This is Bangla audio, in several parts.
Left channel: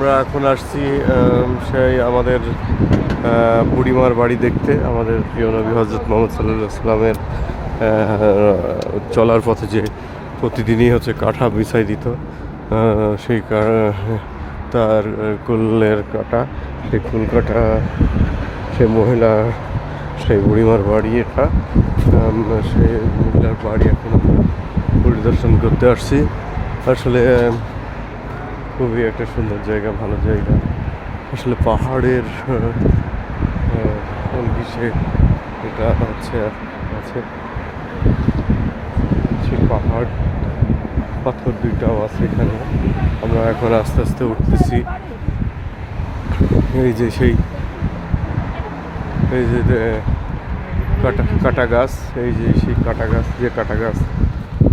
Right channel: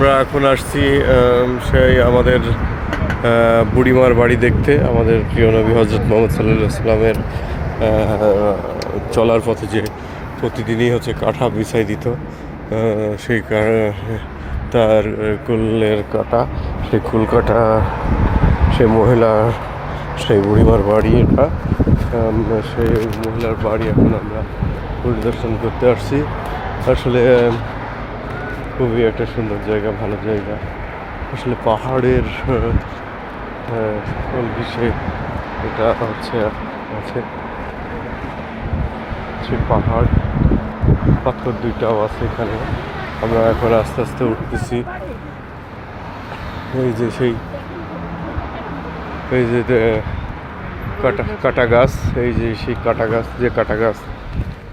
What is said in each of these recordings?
আমরা এখন আসছি সেই আমাদের বুড়িমার বাড়ি দেখতে। আমাদের প্রিয় নবী হজরত মোহাম্মদ সাল্লাল্লাহু আলাইহি সাল্লামের চলার পথে যে প্রতিদিনই হচ্ছে কাঁটা বিছাই দিত, সেই তার কুলের কাঁটা, সেই কুল কাঁটা, সেই মহিলা, সেই বুড়িমার বাড়ি এটা। সেই মহিলার বাড়ি এখন আমরা পরিদর্শন করতে আসছি। আসলে খুবই একটা সুন্দর জায়গা, ভালো জায়গা। আসলে পাহাড়ের ঘিসে এটা হচ্ছে আছে পাহাড়, পাথর দুইটাও আছে এখানে। আমরা এখন আস্তে আস্তে উঠতেছি। এই যে সেই এই যে কাটা গাছ, এই যে সেই কাটা গাছ, যে কাটা গাছ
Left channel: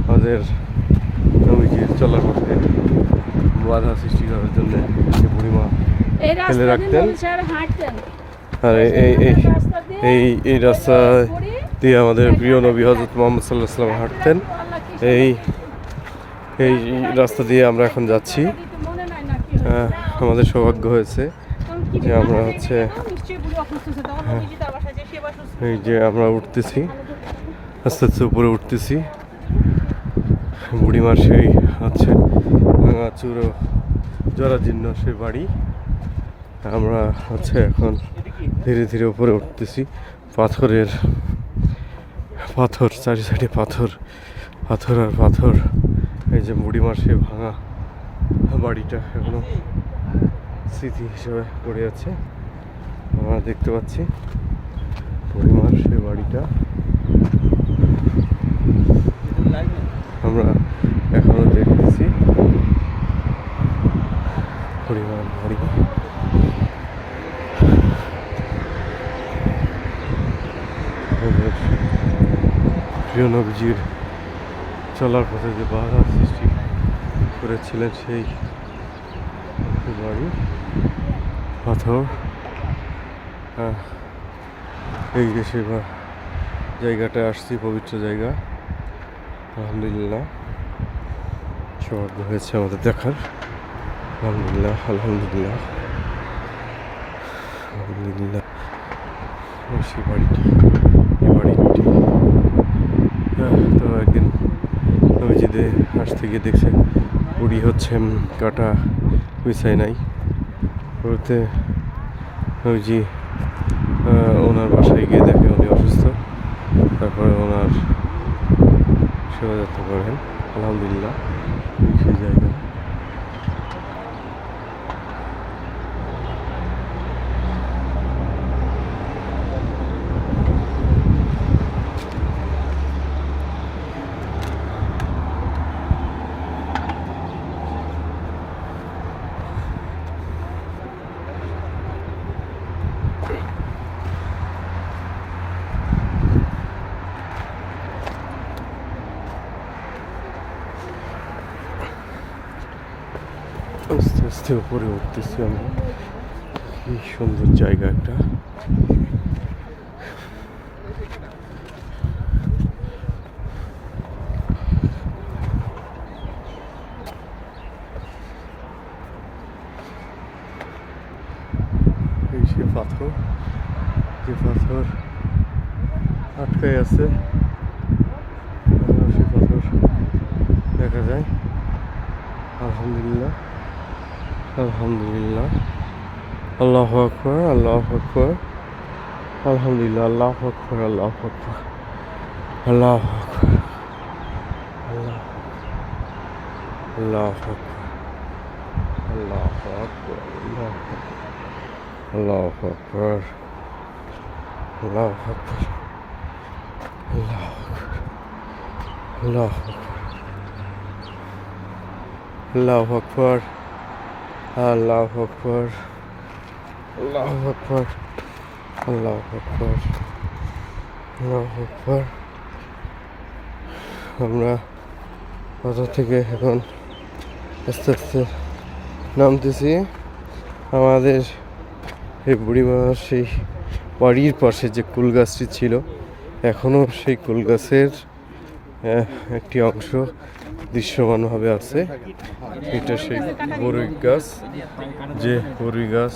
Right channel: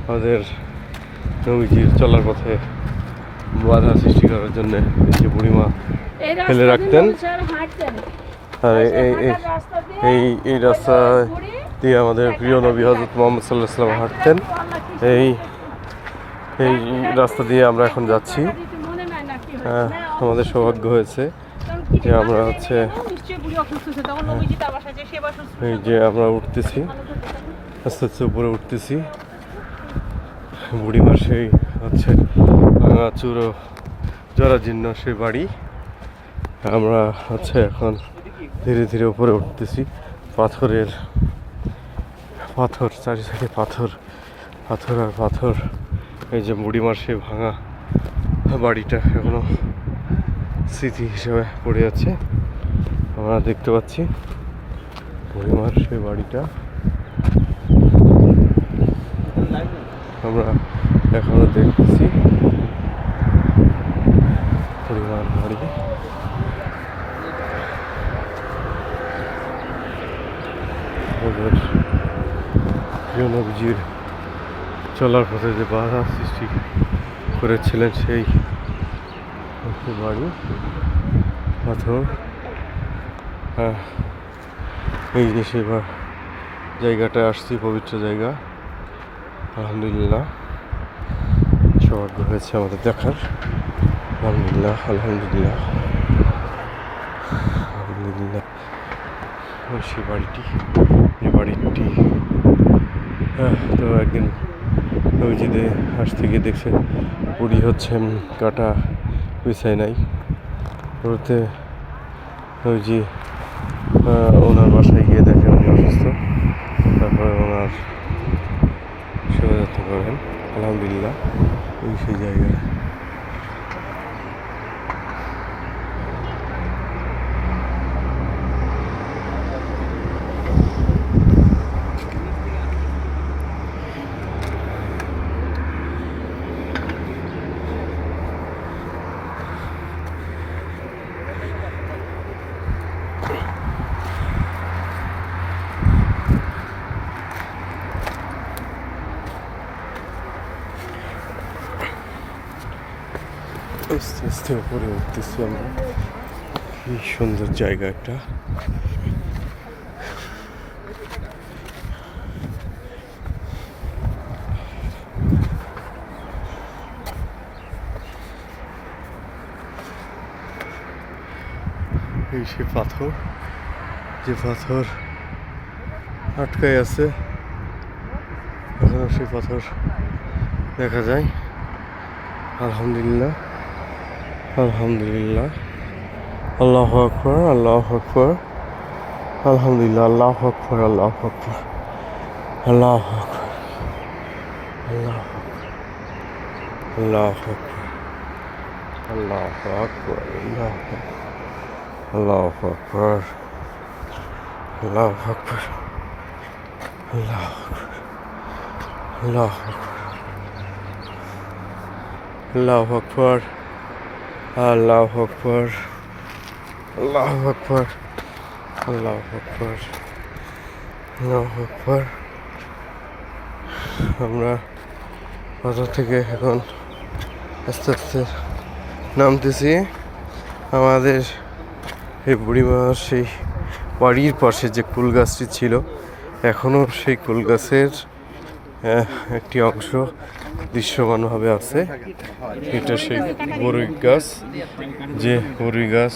আমাদের নবীজির চলার পথে বাধা সৃষ্টি করার জন্য যে বুড়িমা ফেলে রাখতেন। আর এই রাস্তা দিয়ে আমাদের প্রিয় নবী হজরত মোহাম্মদ সাল্লাল্লাহু আলাইহি ওয়াসাল্লাম হাঁটতেন। এই রাস্তা দিয়ে আমরা এখন যাচ্ছি। আমাদের সৌভাগ্য হয়েছে যে আমরা হচ্ছে এই যে আমরা উঠতেছি, আস্তে আস্তে উপরে উঠতেছি। বুড়িমার সেই হচ্ছে ভাঙা চূড়ো জরাজীর্ণ সেই বাড়ি। আমরা হচ্ছে এখন ধীরে ধীরে উপরে উঠতেছি। পাথর, চারি সাইডে পাথর আর পাথর। এই যে বুড়িমার সেই ভাঙা বাড়িটা এখনো স্মৃতি হিসেবে পড়ে আছে। আমরা দেখতে পাচ্ছি বুড়িমার সেই বাড়িটা। আমরা এখনো দেখতেছি বুড়িমার বাড়ি। প্রিয় নবীজির চলার পথে যে বাধা সৃষ্টি করেছিলেন সেই বাড়ি, পাথর। এই যে সেই জায়গাটায় আসছি, পবিত্র জায়গা। আলহামদুলিল্লাহ, সৌভাগ্য হয়েছে আমাদের দেখার। আলহামদুলিল্লাহ, আলহামদুলিল্লাহ, আলহামদুলিল্লাহ। সেই বাড়িটি, এই বাড়িটি তো একদিন নবীজিদের হাঁস থেকে দেখছে বুড়ি হচ্ছে কাটা বিছাই নাই। ওতে নবীজি ওনার বাসায় গিয়ে দেখে উনি অসুস্থ। তারপরে ওনার সেবা যত্ন করেন। আলহামদুলিল্লাহ, সেই জায়গা। আস্তে আস্তে উপরে উঠতেছি আমরা। কি সুন্দর জায়গা একটা। এই সে পাথর, যে পাথর আটকায় আছে, সে পাথর দেখা যায়। আলহামদুলিল্লাহ, আলহামদুলিল্লাহ, আল্লাহু আকবার, আল্লাহু আকবার, আলহামদুলিল্লাহ, আল্লাহু আকবার, আল্লাহু আকবার, আল্লাহু আকবার, আল্লাহু আকবার, আল্লাহু আকবার, আল্লাহু আকবার, আল্লাহু আকবার, আল্লাহু আকবার, আল্লাহু আকবার, আল্লাহু আকবার, আল্লাহু আকবার, আল্লাহু আকবার, আল্লাহু আকবার। আমরা পাথর থেকে এখন আস্তে আস্তে নামতেছি। আমাদের এই বুড়িমার সেই বাড়ির পাশে যে কুল গাছটি ছিল, এখনও সেই কুল গাছের একটি অংশ দৃশ্যমানভাবে আছে। এটা সেই বরই গাছ, যে বরই গাছ।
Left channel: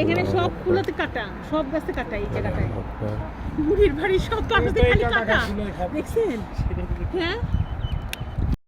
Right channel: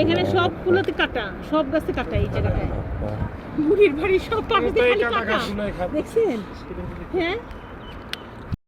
এখানে সব ফুলতে কাটা, সব গাছে কাটা, এই জায়গাটায় মুড়ির বাড়ি সব পাশে খালি কাটা, দেখছেন? হ্যাঁ